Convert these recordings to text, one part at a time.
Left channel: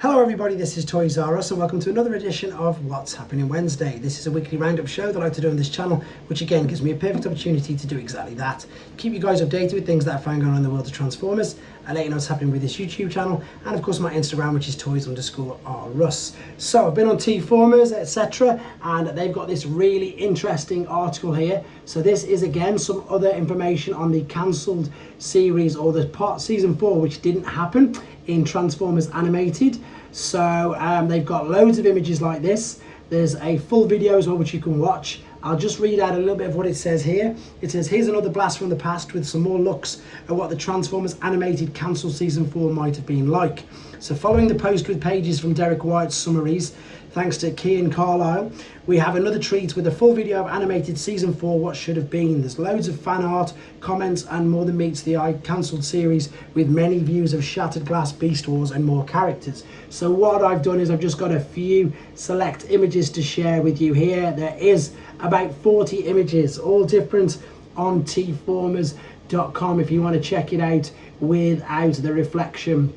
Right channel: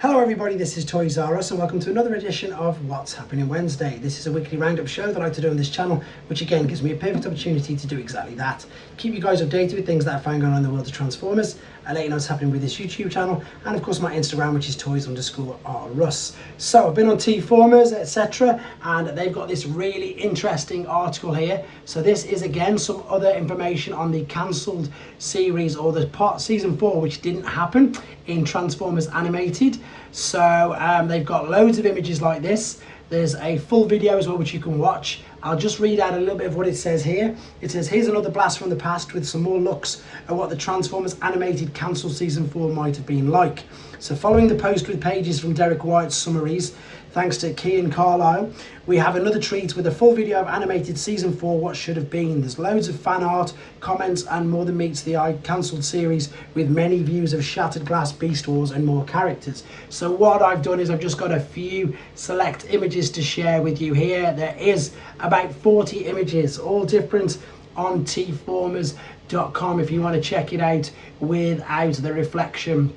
Hello everybody, this is Toys R Us and welcome to another edition of What's Happening Wednesday. This is a weekly roundup show that I like to do on this channel, which again gives me a perfect opportunity to do exactly that. Keep you guys updated with things that I find going on in the world of Transformers, and let you know what's happening with this YouTube channel, and of course my Instagram, which is toys_R_us. So I've been on T-Formers, etc, and they've got this really interesting article here. So this is again some other information on the cancelled series, or the season 4, which didn't happen in Transformers Animated. So they've got loads of images like this. There's a full video as well which you can watch. I'll just read out a little bit of what it says here. It says, here's another blast from the past with some more looks at what the Transformers Animated cancelled season 4 might have been like. So following the post with pages from Derek White's summaries, thanks to Kian Carlisle, we have another treat with a full video of animated season 4 what should have been. There's loads of fan art, comments and more than meets the eye cancelled series, with many views of Shattered Glass, Beast Wars and more characters. So what I've done is I've just got a few select images to share with you here. There is about 40 images, all different, on tformers.com if you want to check it out without the reflection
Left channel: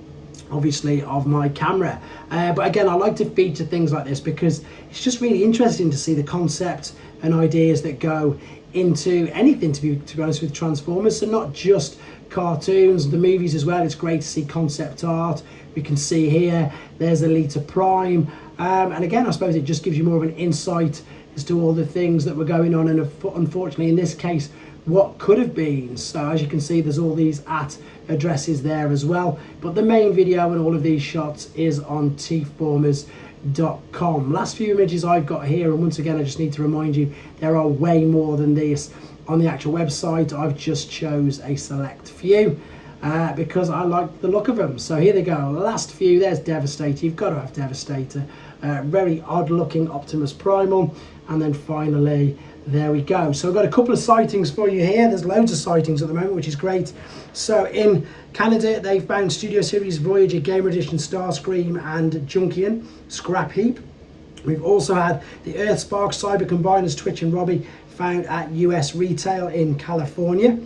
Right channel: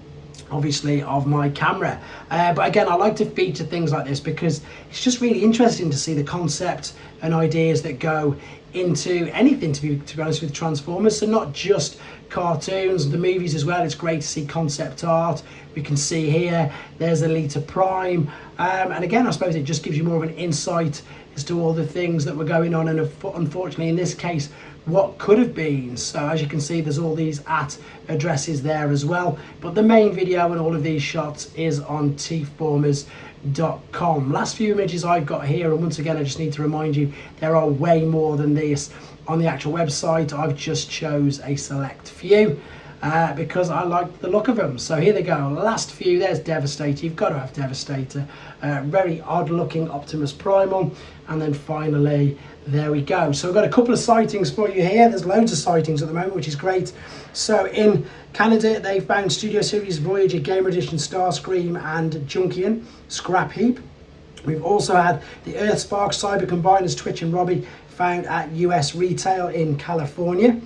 obviously of my camera. But again, I like to feature things like this because it's just really interesting to see the concept and ideas that go into anything, to be honest, with Transformers. So not just cartoons, the movies as well. It's great to see concept art. We can see here there's Elita Prime, and again I suppose it just gives you more of an insight as to all the things that were going on, and unfortunately in this case what could have been. So as you can see, there's all these addresses there as well, but the main video and all of these shots is on tformers.com. Last few images I've got here, and once again I just need to remind you there are way more than this on the actual website. I've just chose a select few because I like the look of them. So here they go, last few. There's Devastator, you've got to have Devastator, very odd looking Optimus Primal, and then finally there we go. So I've got a couple of sightings for you here. There's loads of sightings at the moment, which is great. So in Canada, they found Studio Series Voyager, Gamer Edition, Starscream and Junkion Scrap Heap. We've also had the Earthspark Cyber Combiners, Twitch and Robbie, found at US retail in California.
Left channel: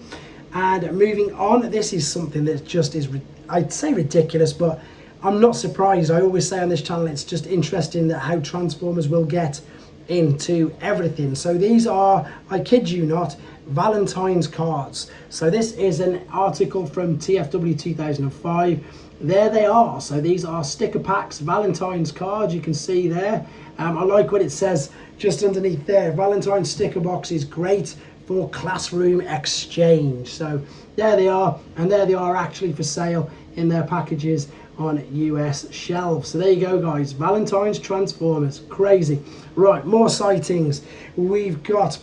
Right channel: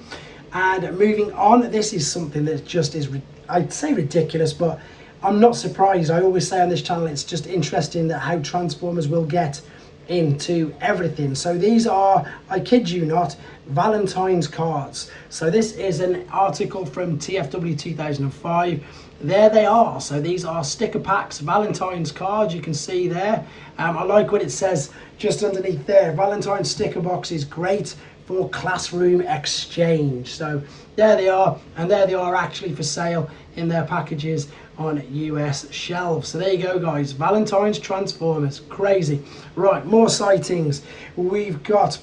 And moving on, this is something that just is, I'd say ridiculous, but I'm not surprised. I always say on this channel, it's just interesting that how Transformers will get into everything. So these are, I kid you not, Valentines cards. So this is an article from TFW 2005. There they are. So these are sticker packs, Valentine's cards, you can see there. I like what it says just underneath there. Valentine's sticker box is great for classroom exchange. So there they are, and there they are actually for sale in their packages on US shelves. So there you go guys, Valentine's Transformers, crazy. Right, more sightings. We've got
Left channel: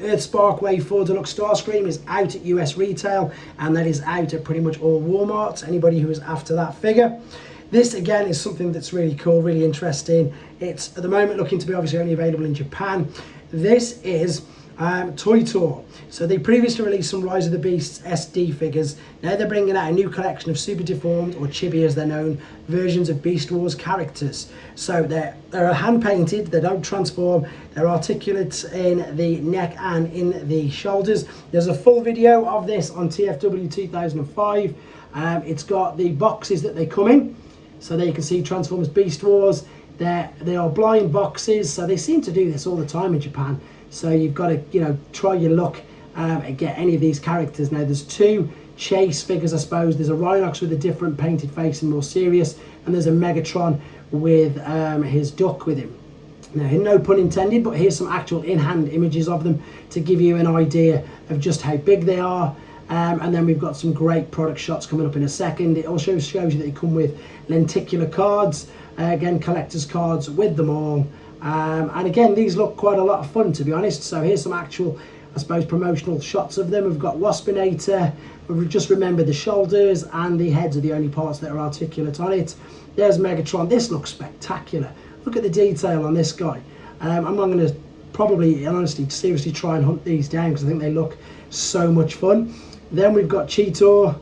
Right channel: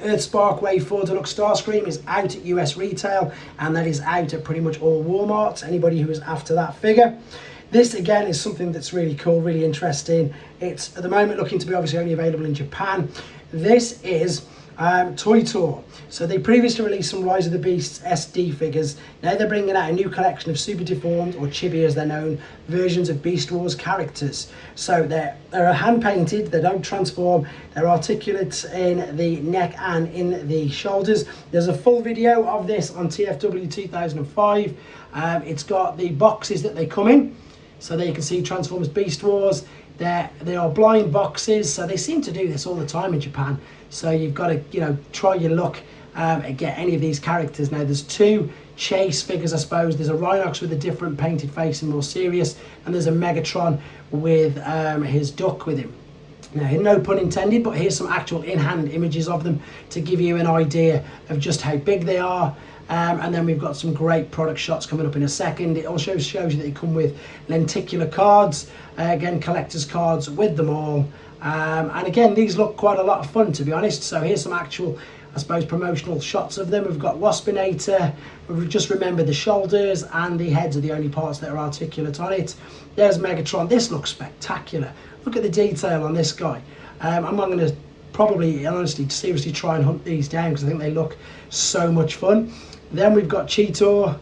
Earthspark Wave 4 Deluxe Starscream is out at US retail, and that is out at pretty much all Walmarts, anybody who is after that figure. This again is something that's really cool, really interesting. It's at the moment looking to be obviously only available in Japan. This is Toy Tour. So they previously released some Rise of the Beasts SD figures. Now they're bringing out a new collection of super deformed, or chibi as they're known, versions of Beast Wars characters. So they're hand painted, they don't transform, they're articulate in the neck and in the shoulders. There's a full video of this on TFW 2005. It's got the boxes that they come in. So there you can see Transformers Beast Wars. They are blind boxes, so they seem to do this all the time in Japan. So you've got to, try your luck and get any of these characters. Now there's two Chase figures, I suppose. There's a Rhinox with a different painted face and more serious, and there's a Megatron with his duck with him. Now, no pun intended, but here's some actual in-hand images of them to give you an idea of just how big they are. And then we've got some great product shots coming up in a second. It also shows you that they come with lenticular cards, again collector's cards with them all. And again, these look quite a lot of fun, to be honest. So here's some actual, I suppose, promotional shots of them. We've got Waspinator. Just remember the shoulders and the heads are the only parts that are articulate on it. There's Megatron. This looks spectacular. Look at the detail on this guy. I'm going to probably, honestly, seriously try and hunt these down because I think they look so much fun. Then we've got Cheetor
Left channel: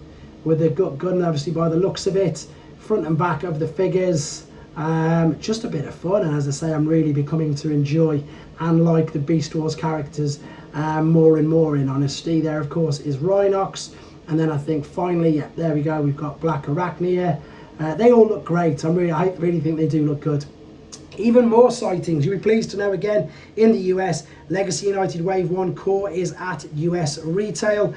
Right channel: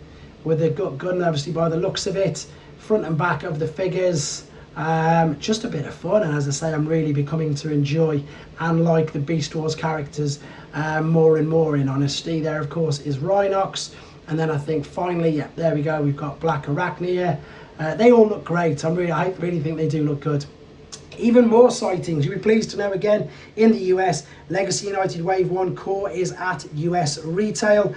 with the gun, obviously, by the looks of it. Front and back of the figures. Just a bit of fun, and as I say, I'm really becoming to enjoy and like the Beast Wars characters more and more, in honesty. There of course is Rhinox, and then I think finally, yeah, there we go, we've got Black Arachnia, They all look great. I really think they do look good. Even more sightings. You'll be pleased to know again in the US, Legacy United Wave 1 Core is at US retail.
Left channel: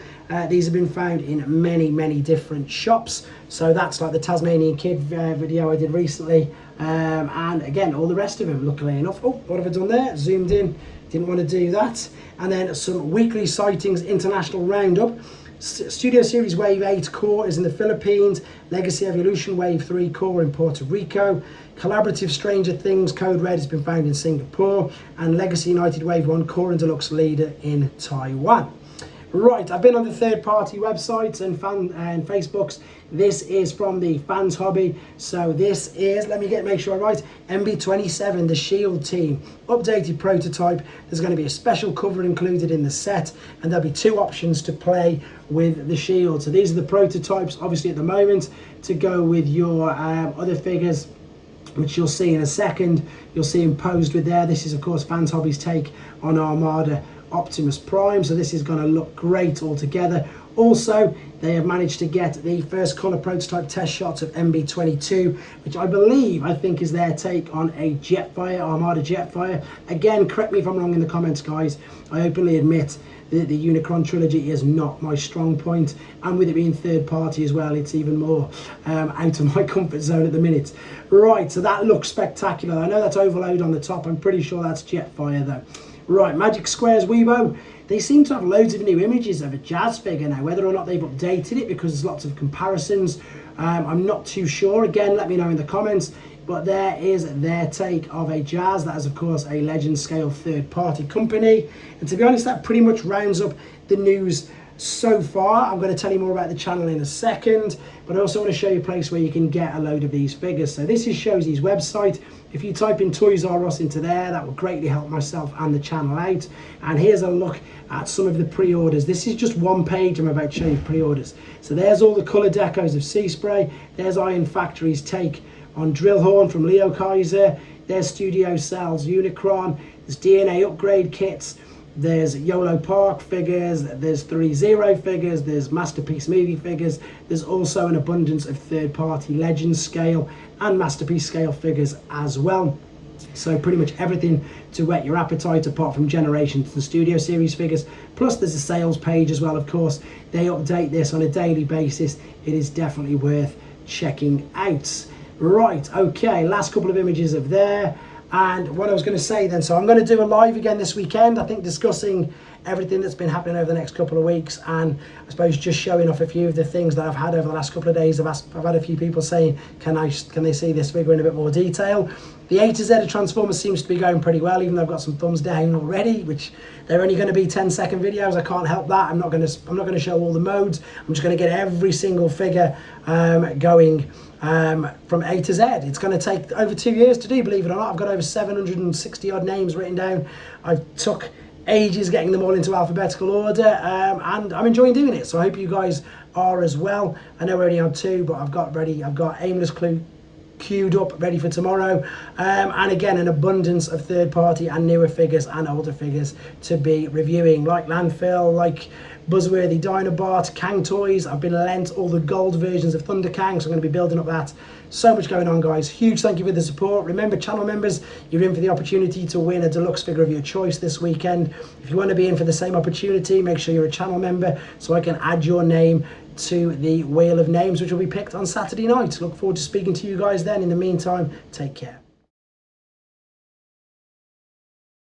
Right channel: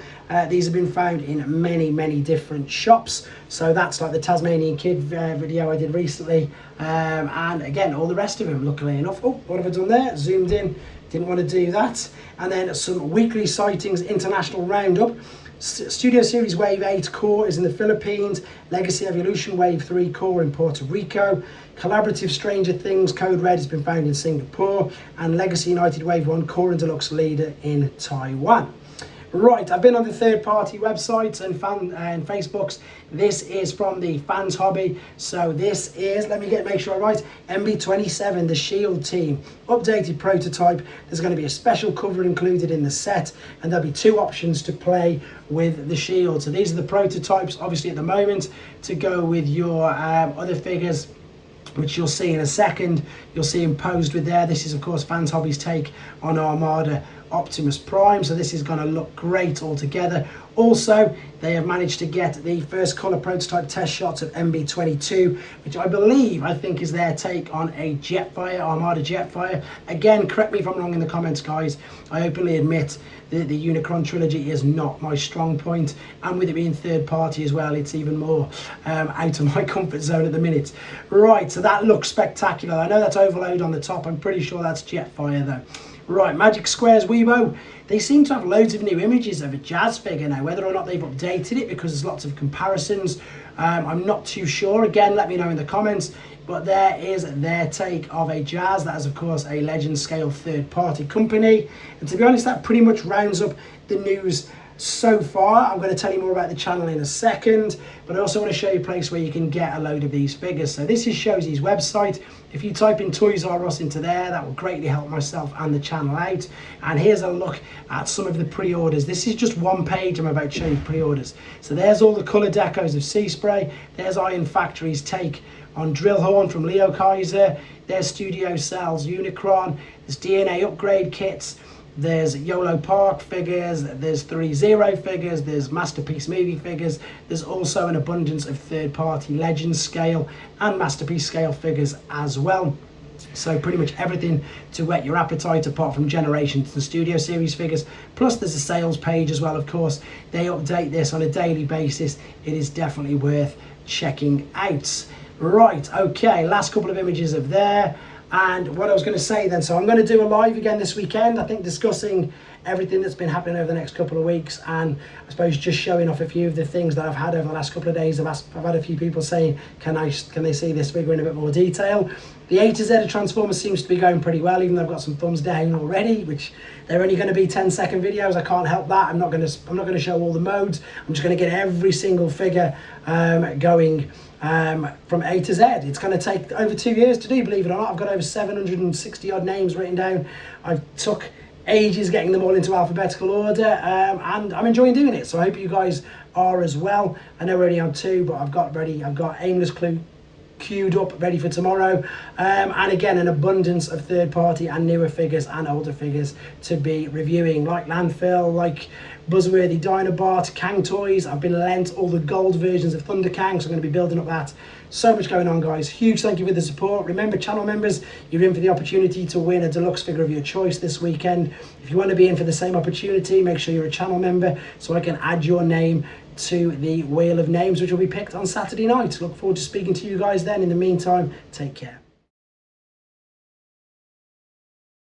These have been found in many different shops. So that's like the Tasmanian Kid video I did recently. And again, all the rest of them, luckily enough. Oh, what have I done there? Zoomed in, didn't want to do that. And then some weekly sightings international roundup. Studio Series Wave 8 Core is in the Philippines, Legacy Evolution Wave 3 Core in Puerto Rico, Collaborative Stranger Things Code Red has been found in Singapore, and Legacy United Wave 1 Core and Deluxe Leader in Taiwan. Right, I've been on the third-party websites and Facebooks. This is from the Fans Hobby. So this is, let me make sure I'm right, MB27, the Shield team. Updated prototype. There's going to be a special cover included in the set, and there'll be 2 options to play with the Shield. So these are the prototypes, obviously at the moment, to go with your other figures, which you'll see in a second. You'll see them posed with there. This is, of course, Fans Hobby's take on Armada Optimus Prime, so this is going to look great altogether. Also, they have managed to get the first colour prototype test shots of MB22, which I think is their take on a Jetfire, Armada Jetfire. Again, correct me if I'm wrong in the comments, guys. I openly admit that the Unicron trilogy is not my strong point, and with it being third party as well, it's even more out of my comfort zone at the minute. Right, so that looks spectacular. I know that's overload on the top. I'm pretty sure that's Jetfire though. Right, Magic Squares Weibo. They seem to have loads of new images of a Jazz figure now. Whether or not they've updated it, because there's lots of comparisons, I'm not too sure. Again, let me know in the comments. But there is their take of a Jazz. That is, of course, a Legend Scale third-party company. And to be honest, that pretty much rounds up the news so far. I'm going to tell you more about the channel in a second, but I also want to show you a place where you can get a load of these figures. So this is Shozy's website. If you type in Toys R Us into there, that will greatly help myself and the channel out. And here's a look at some of the pre-orders. This is just one page. I'm about to show you pre-orders. So there's all the colour decos of Sea Spray. There's Iron Factory's take on Drillhorn from Leo Kaiser. There's Studio Cells Unicron. There's DNA upgrade kits. There's YOLO Park figures, there's 3-0 figures, there's Masterpiece movie figures. There's also an abundance of third-party Legend Scale and Masterpiece Scale figures as well. So pretty much everything to whet your appetite apart from Generations and Studio Series figures. Plus there's a sales page as well, of course. They update this on a daily basis. It is definitely worth checking out. Right, okay, last couple of images of there. And what I was going to say then, so I'm going to do a live again this weekend, I think, discussing everything that's been happening over the next couple of weeks, and I suppose just showing off a few of the things that I've had over the last couple of days. I've had a few people saying, can they see this figure in a bit more detail? The A to Z of Transformers seems to be going pretty well, even though I've got some thumbs down already, which they're only going to be 10-second videos. I can't help that. I'm not going to show all the modes. I'm just going to get every single figure going from A to Z. It's going to take over 2 years to do, believe it or not. I've got over 760 odd names written down. I've took ages getting them all into alphabetical order, and I'm enjoying doing it. So I hope you guys are as well. I know we're only on 2, but I've got Aimless Clue queued up ready for tomorrow, and again an abundance of third-party and newer figures and older figures to be reviewing, like Landfill, like Buzzworthy Dinobot, Kang Toys. I've been lent all the gold versions of Thunder Kang, so I'm going to be building up that. So much going on, guys. Huge thank you for the support. Remember, channel members, you're in for the opportunity to win a deluxe figure of your choice this weekend. If you want to be in for the same opportunity, make sure you're a channel member so I can add your name to the Wheel of Names, which will be picked on Saturday night. Look forward to speaking to you guys then. In the meantime, take care.